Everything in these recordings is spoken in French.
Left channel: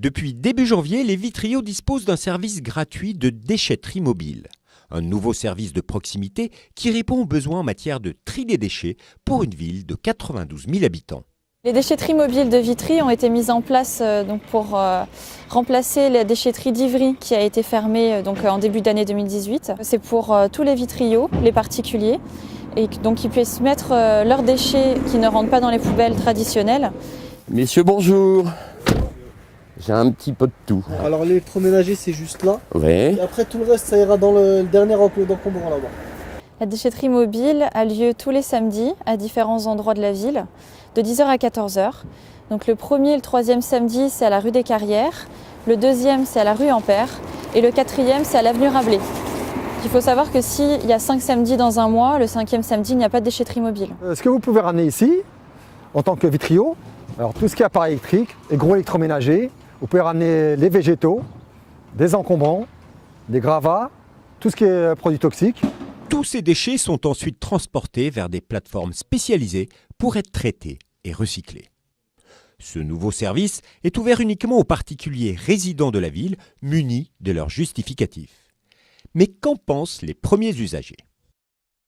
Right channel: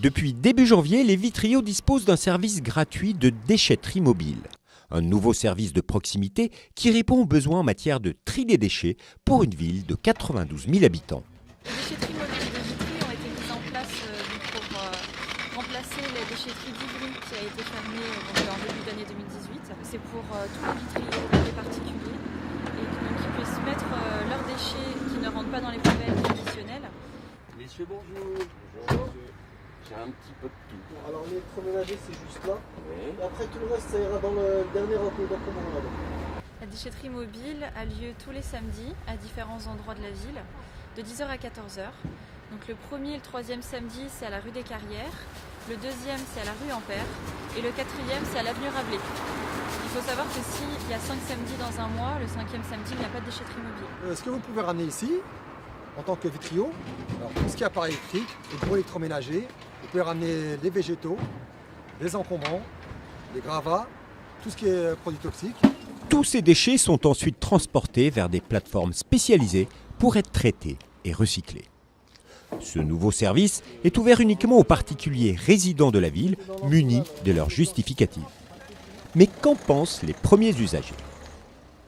Depuis début janvier, les Vitriaux disposent d'un service gratuit de déchetterie mobile. Un nouveau service de proximité qui répond aux besoins en matière de tri des déchets pour une ville de 92 000 habitants. Les déchetteries mobiles de Vitry ont été mises en place pour remplacer la déchetterie d'Ivry qui a été fermée en début d'année 2018. C'est pour tous les Vitriaux, les particuliers, et donc ils puissent mettre leurs déchets qui ne rentrent pas dans les poubelles traditionnelles. Messieurs, bonjour. J'ai un petit peu de tout. Alors l'électroménager c'est juste là. Oui. Et après tout le reste ça ira dans le dernier encombrant là-bas. La déchetterie mobile a lieu tous les samedis à différents endroits de la ville, de 10h à 14h. Donc le premier et le troisième samedi c'est à la rue des Carrières, le deuxième c'est à la rue Ampère et le quatrième c'est à l'avenue Rabelais. Il faut savoir que s'il y a 5 samedis dans un mois, le 5e samedi il n'y a pas de déchetterie mobile. Ce que vous pouvez ramener ici, en tant que Vitriaux, alors tout ce qui est appareil électrique et gros électroménager, vous pouvez ramener les végétaux, des encombrants, des gravats, tout ce qui est produits toxiques. Tous ces déchets sont ensuite transportés vers des plateformes spécialisées pour être traités et recyclés. Ce nouveau service est ouvert uniquement aux particuliers résidents de la ville munis de leur justificatif. Mais qu'en pensent les premiers usagers ?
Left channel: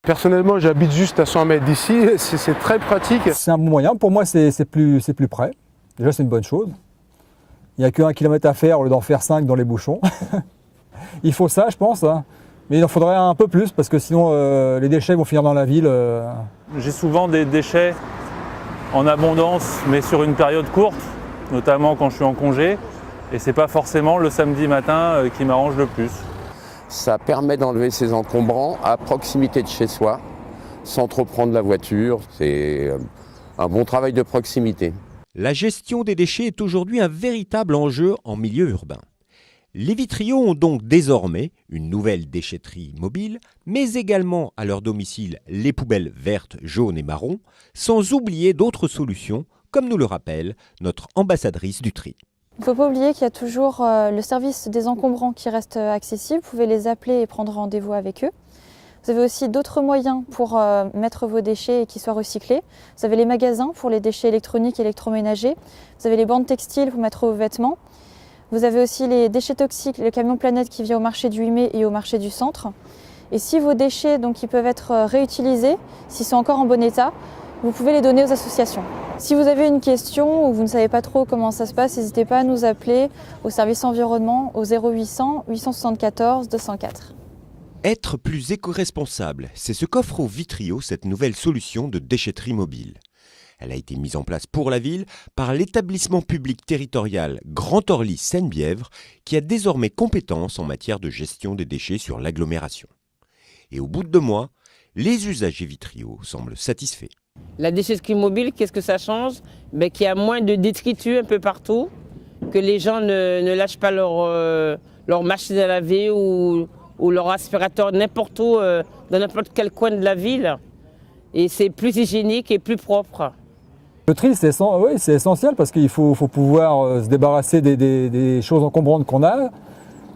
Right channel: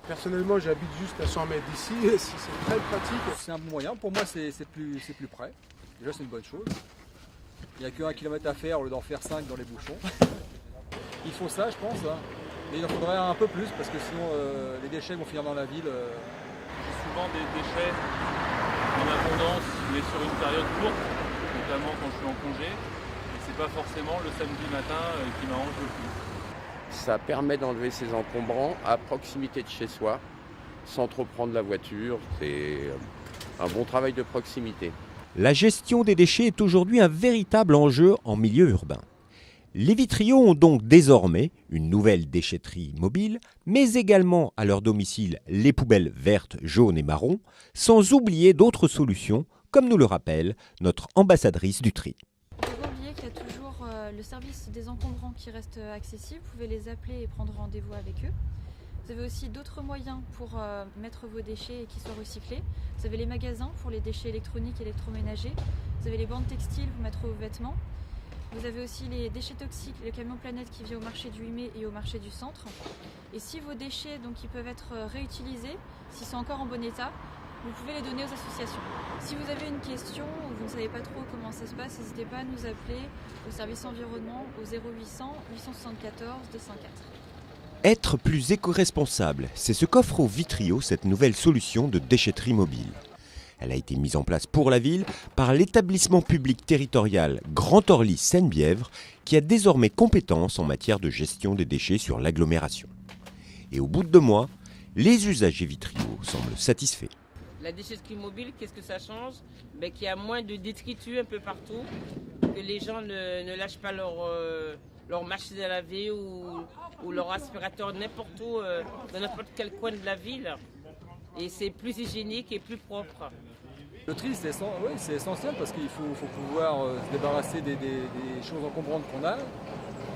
Personnellement, j'habite juste à 100 mètres d'ici, c'est très pratique. C'est un bon moyen, pour moi c'est plus près. Déjà c'est une bonne chose. Il n'y a que 1 kilomètre à faire au lieu d'en faire 5 dans les bouchons. Il faut ça je pense, hein. Mais il en faudrait un peu plus parce que sinon les déchets vont finir dans la ville. J'ai souvent des déchets en abondance mais sur une période courte, notamment quand je suis en congé. Et c'est pas forcément le samedi matin qui m'arrange le plus. Ça permet d'enlever ces encombrants à proximité de chez soi, sans trop prendre la voiture. C'est un bon travail de proximité. La gestion des déchets est aujourd'hui un véritable enjeu en milieu urbain. Les Vitriaux ont donc désormais une nouvelle déchetterie mobile, mais également à leur domicile les poubelles vertes, jaunes et marron, sans oublier d'autres solutions, comme nous le rappelle notre ambassadrice du tri. Il ne faut pas oublier qu'il y a toujours le service des encombrants qui reste accessible. Vous pouvez les appeler et prendre rendez-vous avec eux. Vous avez aussi d'autres moyens pour mettre vos déchets et qu'ils soient recyclés. Vous avez les magasins pour les déchets électroniques et électroménagers. Vous avez les bandes textiles pour mettre vos vêtements. Vous avez aussi les déchets toxiques, le camion Planète qui vient au marché du 8 mai et au marché du centre. Et si vos déchets ils peuvent être réutilisés, s'ils sont encore en bon état, vous pouvez les donner aux associations. Si vous avez une question ou vous ne savez pas trop comment ça se passe, n'hésitez pas à nous appeler au service environnement au 0800 874 204. Être plus éco-responsable, c'est ce qu'offre aux Vitriaux cette nouvelle solution de déchetterie mobile. Elle a été mise en place pour la ville par l'établissement public territorial Grand Orly Seine-Bièvre qui a désormais compétence en matière de gestion des déchets sur l'agglomération. Et au bout de 2 mois, les usagers Vitriaux semblent satisfaits. La déchetterie mobile, qu'est-ce que ça change? Qu'il y a moins de détritus un peu partout, que les gens ne lâchent pas leur machine à laver ou leur aspirateur n'importe où, dans n'importe quel coin de la ville. Et c'est plus hygiénique et plus propre. Le tri c'est essentiel parce qu'il faut pouvoir se débarrasser des choses encombrantes qu'on a.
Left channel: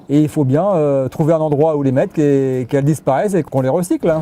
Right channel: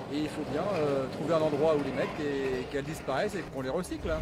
Et il faut bien trouver un endroit où les mettre et qu'elles disparaissent et qu'on les recycle.